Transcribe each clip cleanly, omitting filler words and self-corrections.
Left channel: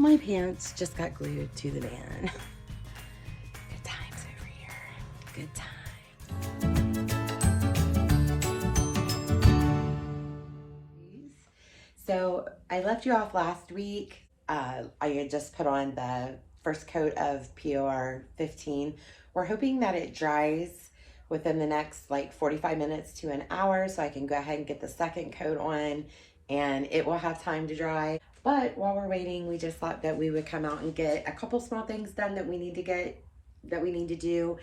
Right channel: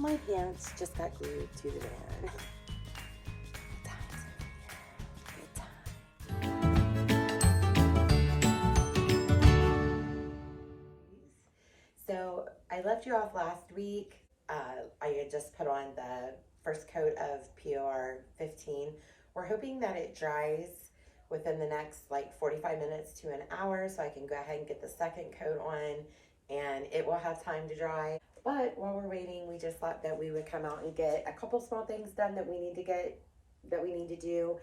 my pants just got glued to the van. Good times over here. Good times. So I left you off last week. I had just put on the first coat of POR 15. We're hoping that it dries within the next like 45 minutes to an hour, so I can go ahead and get the second coat on and it will have time to dry. But while we're waiting, we just thought that we would come out and get a couple small things done that we need to do.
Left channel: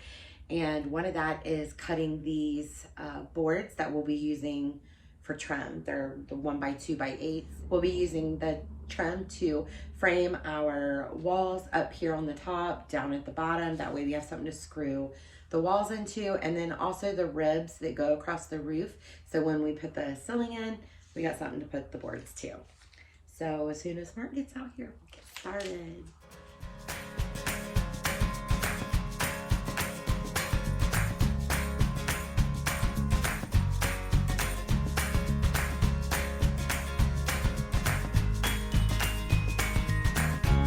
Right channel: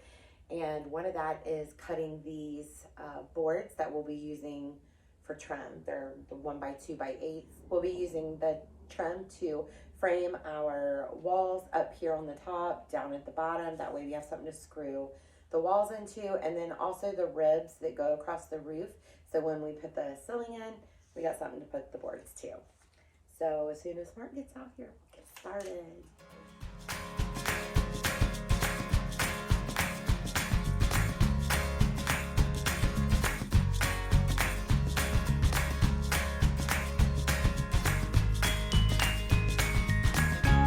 And one of that is cutting these boards that we'll be using for trim. They're the 1x2x8. We'll be using the trim to frame our walls up here on the top, down at the bottom. That way we have something to screw the walls into, and then also the ribs that go across the roof. So when we put the ceiling in, we got something to put the boards to. So as soon as Mark gets out here, we'll get started.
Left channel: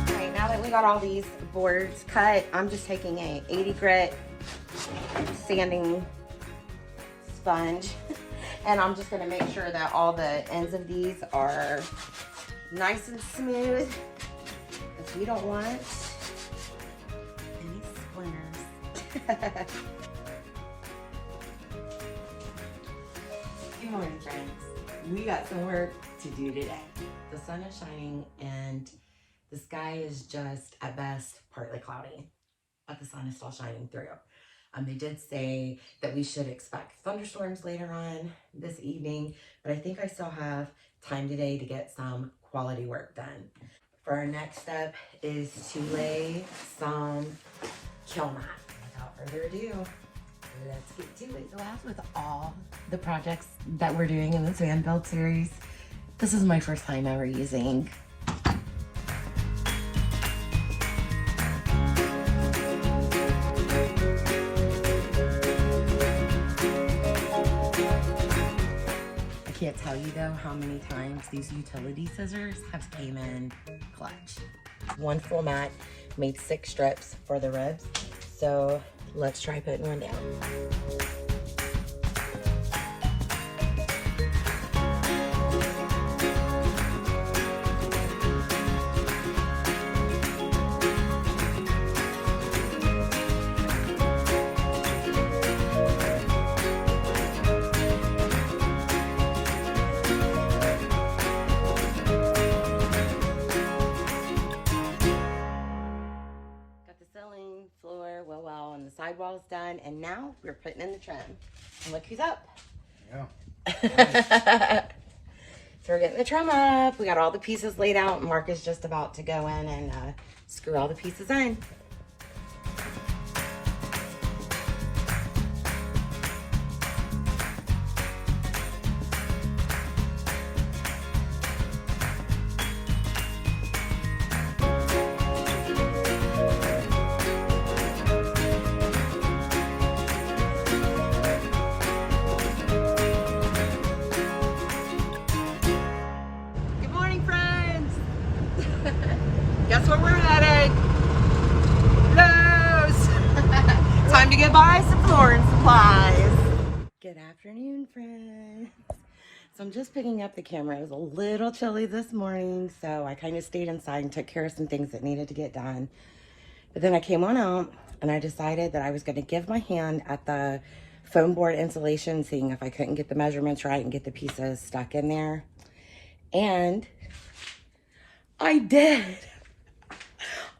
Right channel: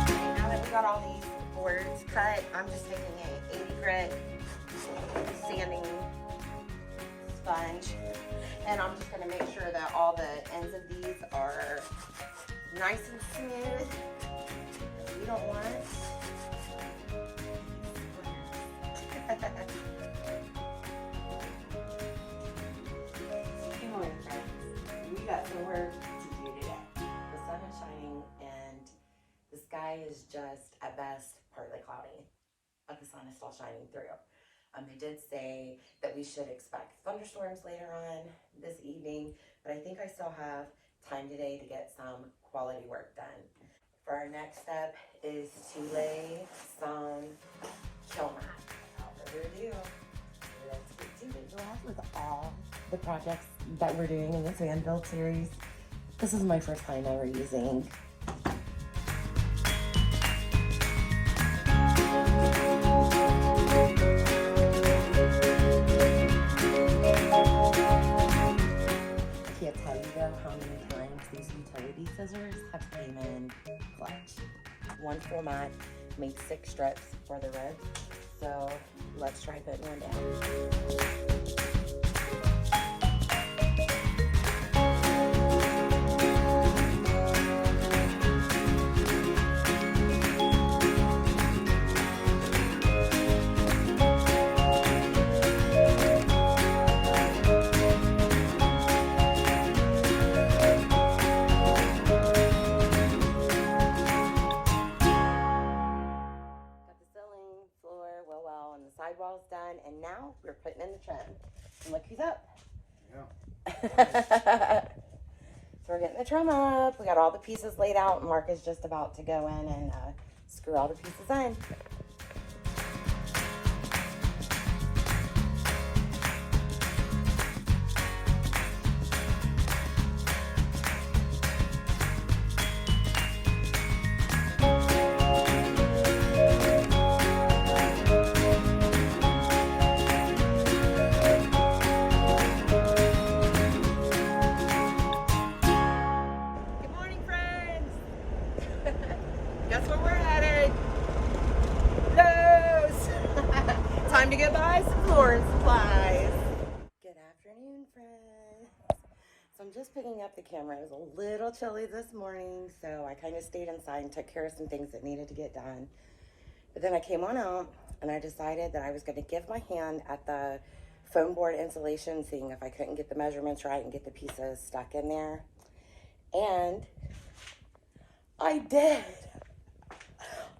Okay, now that we got all these boards cut, I'm just taking a 80 grit sanding sponge, and I'm just going to make sure that all the ends of these are nice and smooth, because we don't want any splinters. Good morning, friends. We got some work to do today. The sun is shining and the sky is just at best partly cloudy, but the sun is still shining through. They did say that we should expect thunderstorms later on this evening, but I think I still have time today to get some quality work done. For our next step is to lay some Kilmat. Without further ado, let's get to it. So as with all the projects that we're doing in this van build series, this is my first time ever using have came in clutch. One full mat made 6 strips for the ribs, so let's try putting one down. Sidewall's done, and now we're putting in the trim. And look who's up. Yeah. So we're getting the trim up. We got all the pieces laid out, and Mark is just about to go in and screw all the pieces in. Guess where we're headed? Lowe's! Time to go buy some flooring supplies. Good afternoon, friends. So I'm just picking up the camera. It was a little chilly this morning, so I kind of stayed inside and took care of some things that needed to get done. But then I came on out and I decided that I was going to give my hand at the foam board insulation, seeing if I couldn't get the measurements right and get the pieces stuck in there. And I did.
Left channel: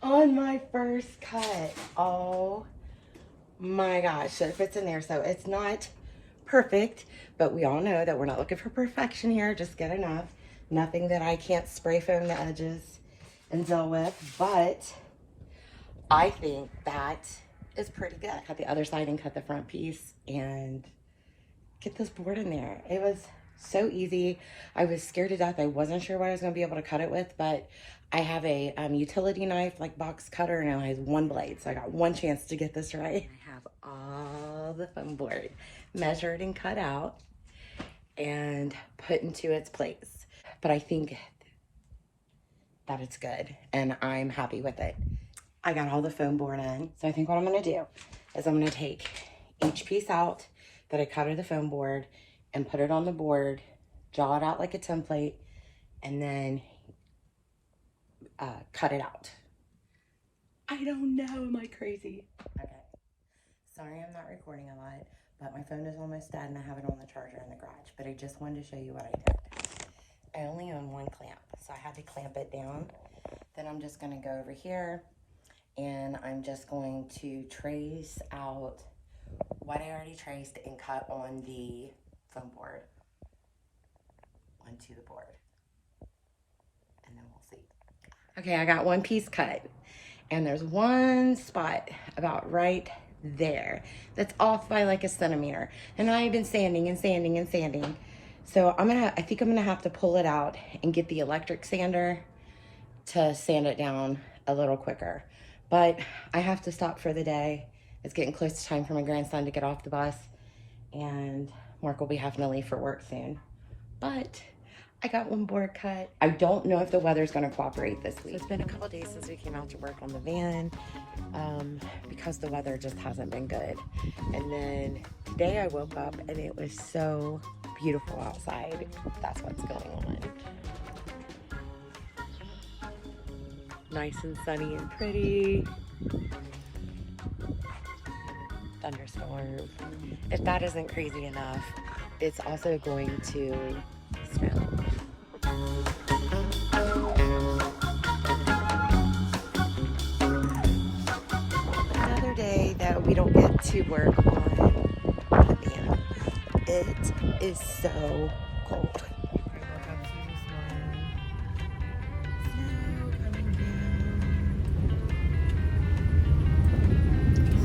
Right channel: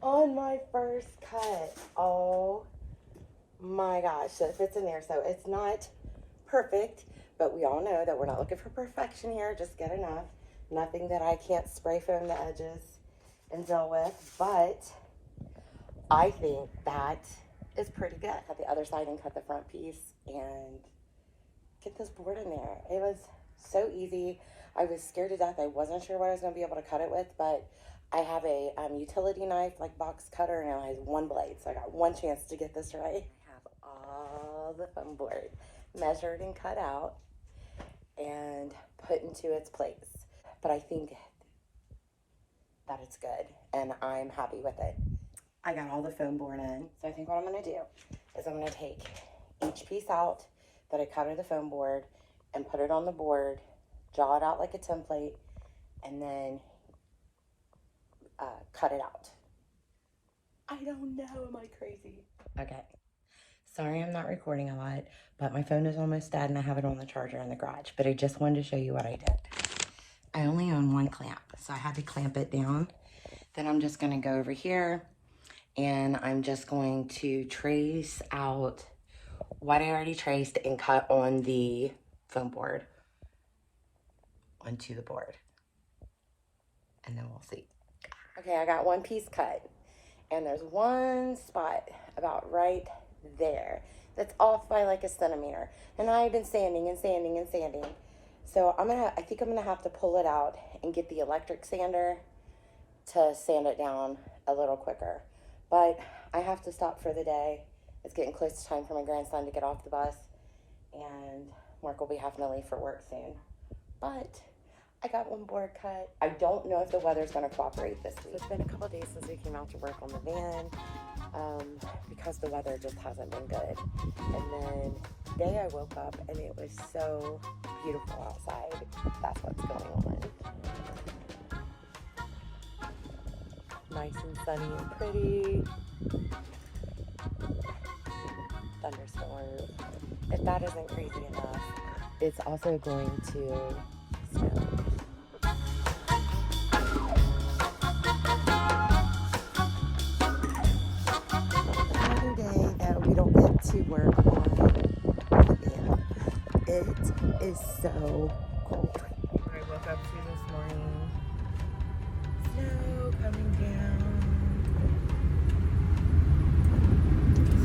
On my first cut. Oh my gosh, so it fits in there. So it's not perfect, but we all know that we're not looking for perfection here, just get enough. Nothing that I can't spray foam the edges and deal with, but I think that is pretty good. Cut the other side and cut the front piece and get this board in there. It was so easy. I was scared to death. I wasn't sure what I was going to be able to cut it with, but I have a utility knife, like box cutter, and it only has one blade, so I got one chance to get this right. I have all the foam board measured and cut out and put into its place. But I think that it's good, and I'm happy with it. I got all the foam board in, so I think what I'm gonna do is I'm gonna take each piece out that I cut of the foam board and put it on the board, draw it out like a template, and then cut it out. I don't know, am I crazy? Okay, sorry I'm not recording a lot, but my phone is almost dead and I have it on the charger in the garage, but I just wanted to show you what I did. I only own one clamp, so I had to clamp it down. Then I'm just gonna go over here and I'm just going to trace out what I already traced and cut on the foam board onto the board. And then we'll see. Okay, I got one piece cut. And there's one spot about right there that's off by like a centimeter. And I've been sanding and sanding and sanding. So I think I'm gonna have to pull it out and get the electric sander to sand it down a little quicker. But I have to stop for the day. It's getting close to time for my grandson to get off the bus, and Mark will be having to leave for work soon. But I got one board cut. I don't know if the weather's gonna cooperate this week. It's been a couple days since we came out to work on the van because the weather just hasn't been good. And then today I woke up and it was so beautiful outside. That's what's going on. Nice and sunny and pretty. Thunderstorm. If that isn't crazy enough, it's also going to snow. Another day that we don't get to work on the van. It is so cold. I woke up to this morning. Snow coming down.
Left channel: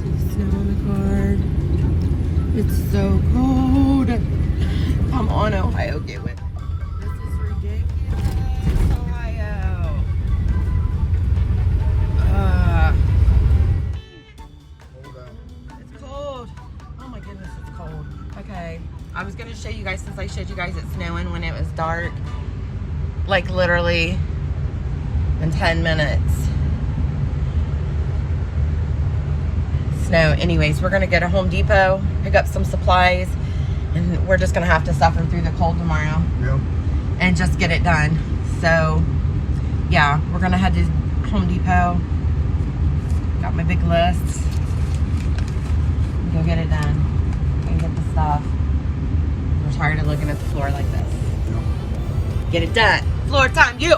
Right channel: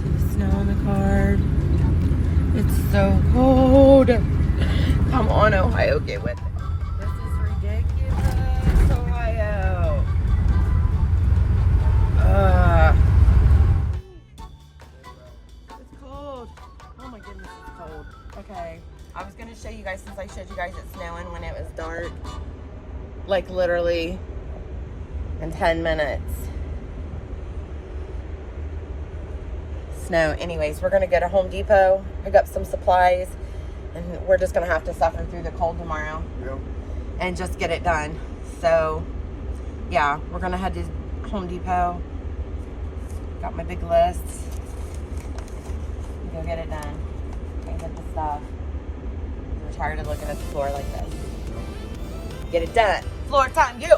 See snow on the car. It's so cold. Come on, Ohio, get with it. This is ridiculous, Ohio. It's cold. Oh my goodness, it's cold. Okay, I was gonna show you guys, since I showed you guys it snowing when it was dark, like literally in 10 minutes. Snow. Anyways, we're gonna go to Home Depot, pick up some supplies, and we're just gonna have to suffer through the cold tomorrow. Yep. And just get it done. So yeah, we're gonna head to Home Depot. Got my big list. Go get it done and get the stuff. I'm tired of looking at the floor like this. Get it done. Floor time, you.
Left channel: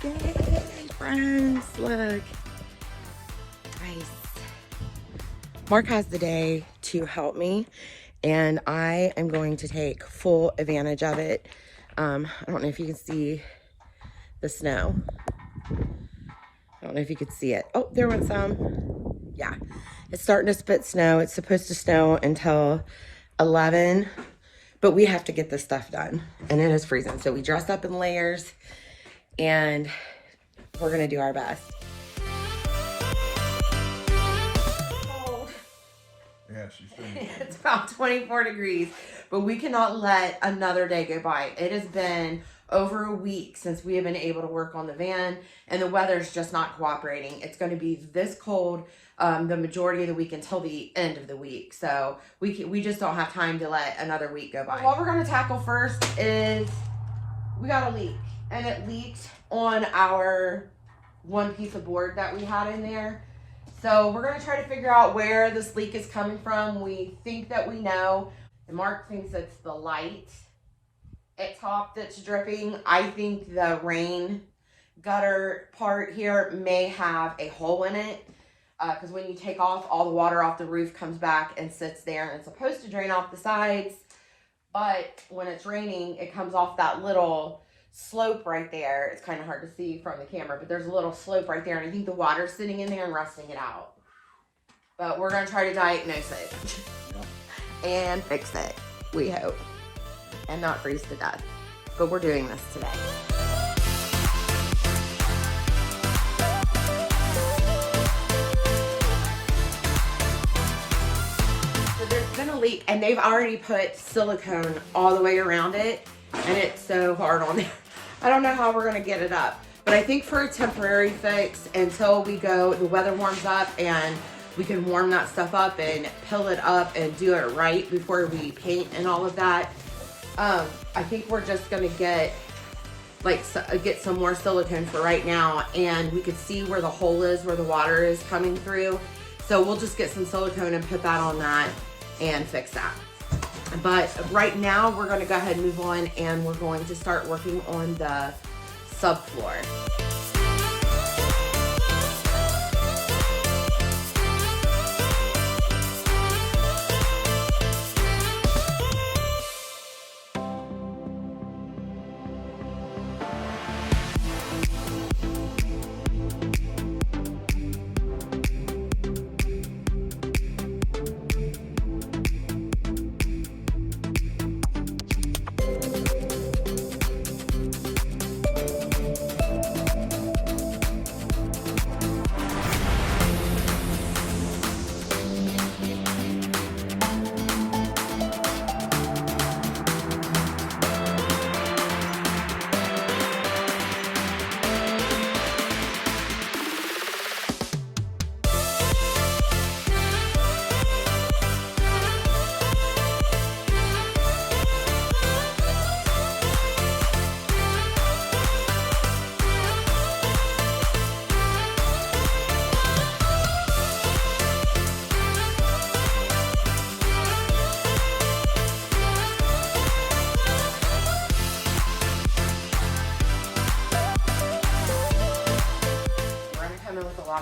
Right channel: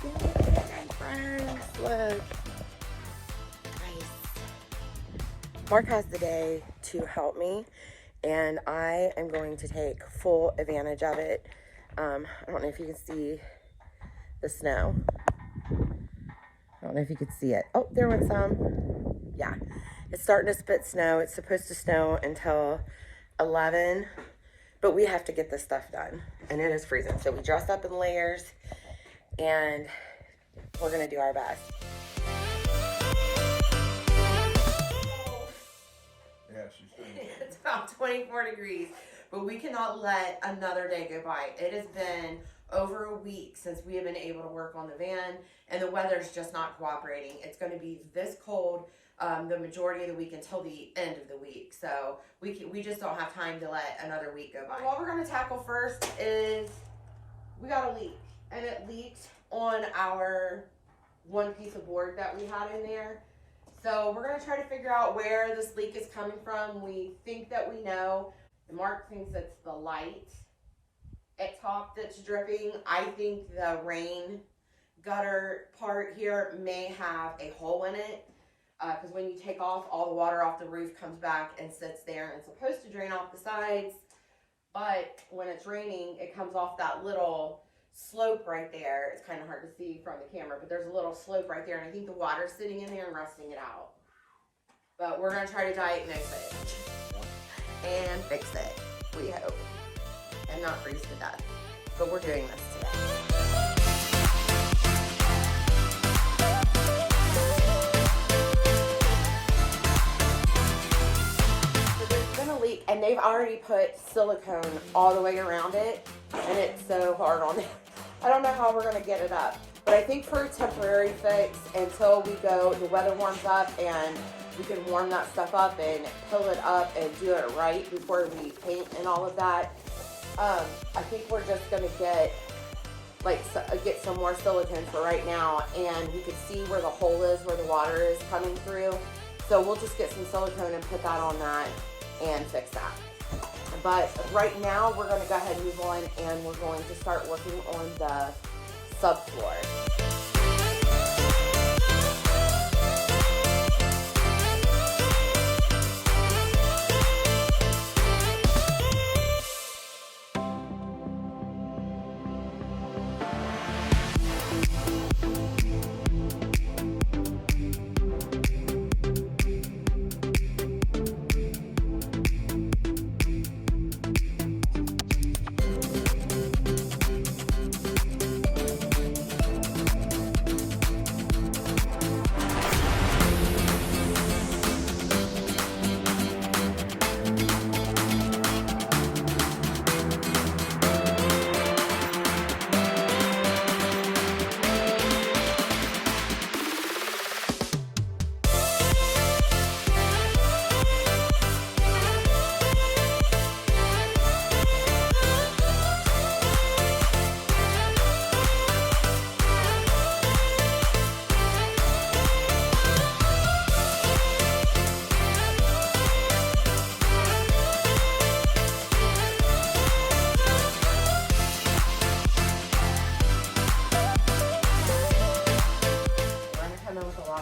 Today, friends, look. Nice. Mark has the day to help me, and I am going to take full advantage of it. I don't know if you can see the snow. I don't know if you could see it. Oh, there went some. Yeah, it's starting to spit snow. It's supposed to snow until 11, but we have to get this stuff done, and it is freezing. So we dressed up in layers, and we're gonna do our best. Yeah, she's doing it. It's about 24 degrees, but we cannot let another day go by. It has been over a week since we have been able to work on the van, and the weather's just not cooperating. It's gonna be this cold the majority of the week until the end of the week. So we just don't have time to let another week go by. What we're gonna tackle first is we got a leak. And it leaked on our one piece of board that we had in there. So we're gonna try to figure out where this leak is coming from. We think that we know. And Mark thinks it's the light at top that's dripping. I think the rain gutter part here may have a hole in it. Because when you take off, all the water off the roof comes back and sits there, and it's supposed to drain off the sides. But when it's raining, it comes off that little slope right there. It's kind of hard to see from the camera, but there's a little slope right there, and I think the water's sitting in there and rusting it out. But we're gonna try to diagnose it and fix it, we hope, and not freeze to death. but we're doing this today. So there's been a leak, and they've already put silicone all the way around it, and it's so hard on there. I don't know how we're gonna get it up, but I think for a temporary fix until the weather warms up and we can warm that stuff up and pill it up and do it right before we paint and all of that. I think we're just gonna get some more silicone for right now, and we could see where the hole is, where the water is coming through. So we'll just get some silicone and put that on that and fix that. But right now we're gonna go ahead and move on, and we're going to start working on the subfloor.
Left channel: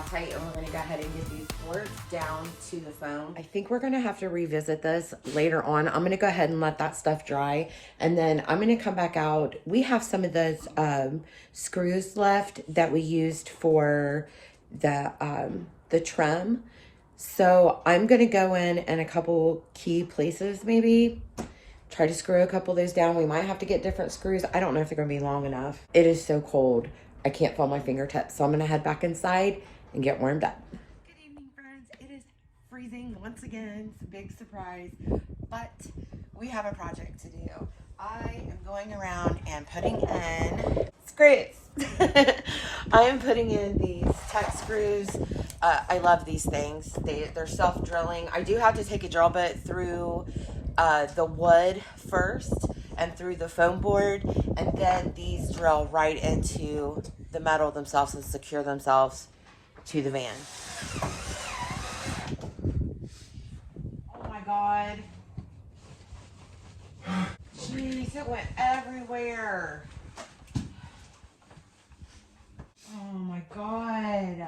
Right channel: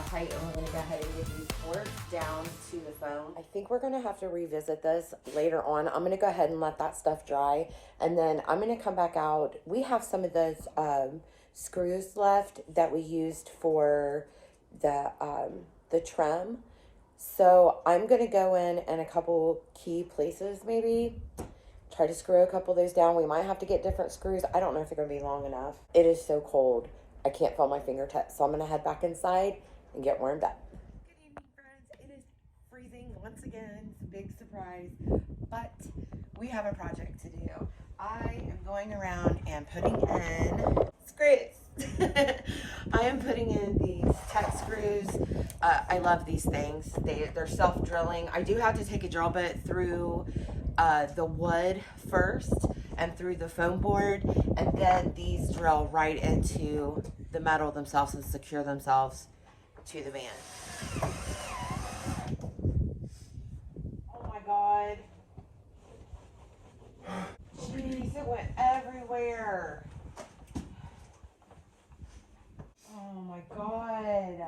Tight, and we're going to go ahead and get these boards down to the foam. I think we're going to have to revisit this later on. I'm going to go ahead and let that stuff dry, and then I'm going to come back out. We have some of those screws left that we used for the trim, so I'm going to go in a couple key places, maybe try to screw a couple of those down. We might have to get different screws. I don't know if they're going to be long enough. It is so cold, I can't feel my fingertips, so I'm going to head back inside and get warmed up. Good evening, friends. It is freezing once again. It's a big surprise, but we have a project to do. I am going around and putting in screws. I am putting in these tech screws. I love these things. They're self-drilling. I do have to take a drill bit through the wood first and through the foam board, and then these drill right into the metal themselves and secure themselves to the van. Oh my God. Jeez, it went everywhere. Oh my God.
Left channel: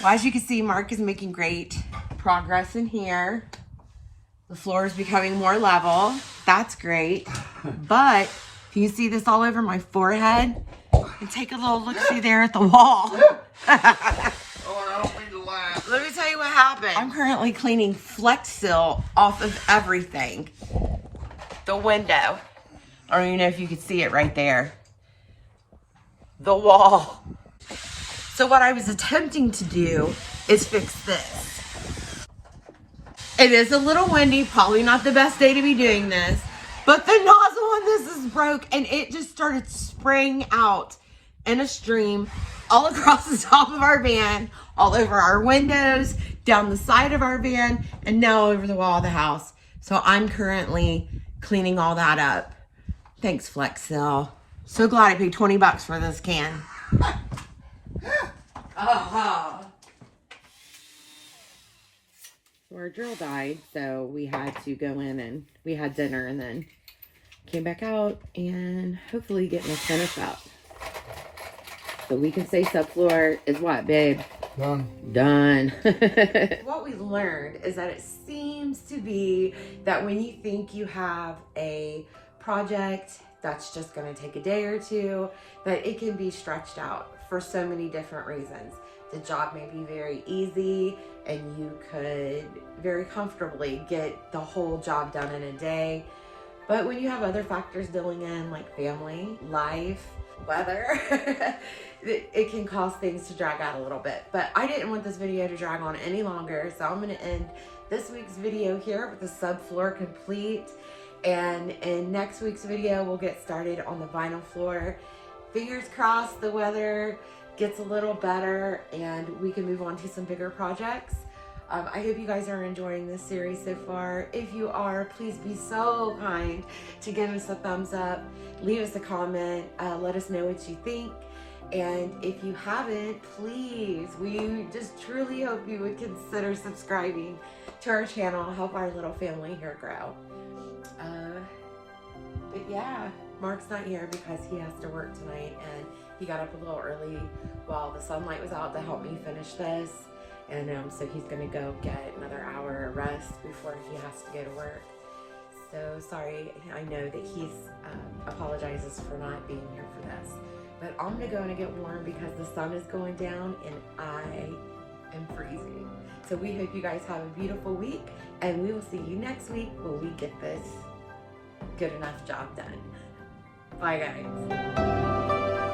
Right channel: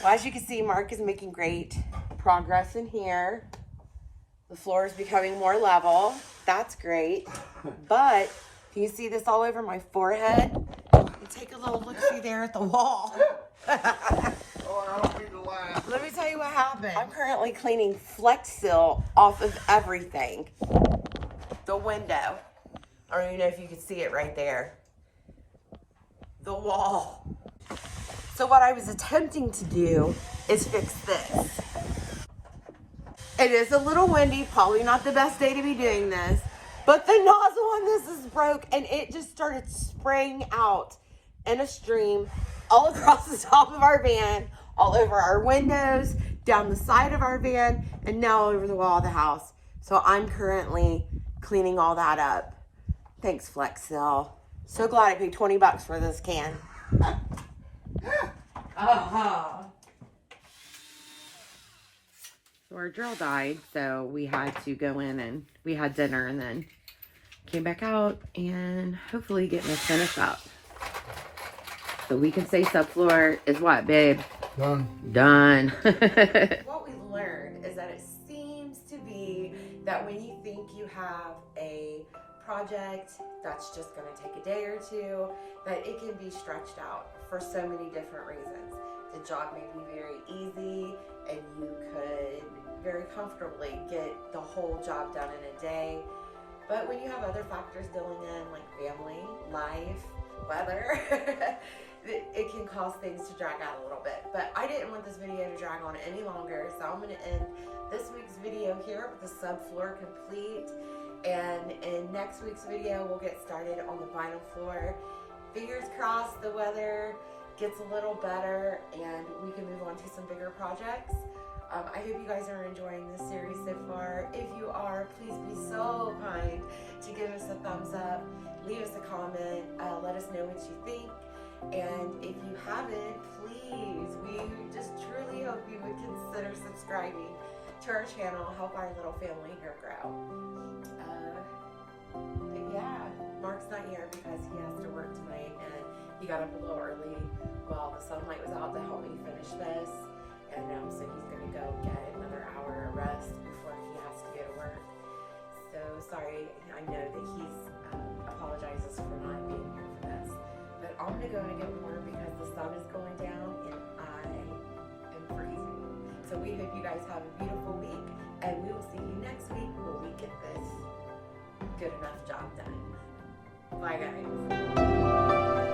Well, as you can see, Mark is making great progress in here. The floor is becoming more level. That's great. But can you see this all over my forehead? And take a little look-see there at the wall. Let me tell you what happened. I'm currently cleaning Flex Seal off of everything. The window. I don't even know if you can see it right there. The wall. So what I was attempting to do is fix this. It is a little windy, probably not the best day to be doing this, but the nozzle on this is broke, and it just started spraying out in a stream all across the top of our van, all over our windows, down the side of our van, and now over the wall of the house. So I'm currently cleaning all that up. Thanks, Flex Seal. So glad I paid 20 bucks for this can. So our drill died, so we had to go in and we had dinner and then came back out and hopefully get this finished up. So we can say subfloor is what, babe? Done. Done. What we learned is that it seems to be that when you think you have a project that's just going to take a day or two, that it can be stretched out for so many different reasons. The job may be very easy and you could very comfortably get the whole job done in a day. But when you have other factors dealing in, like family, life, weather, it can cause things to drag out a little bit. But I didn't want this video to drag on any longer, so I'm going to end this week's video here with the subfloor complete. And in next week's video, we'll get started on the vinyl floor. Fingers crossed the weather gets a little better and we can move on to some bigger projects. I hope you guys are enjoying this series so far. If you are, please be so kind to give us a thumbs up, leave us a comment, let us know what you think. And if you haven't, please, we just truly hope you would consider subscribing to our channel, help our little family here grow. But yeah, Mark's not here because he has to work tonight, and he got up a little early while the sunlight was out to help me finish this. And so he's gonna go get another hour of rest before he has to go to work. So sorry, I know that he's apologizes for not being here for this. But I'm gonna go and get warm because the sun is going down and I am freezing. So we hope you guys have a beautiful week, and we will see you next week when we get this good enough job done. Bye guys.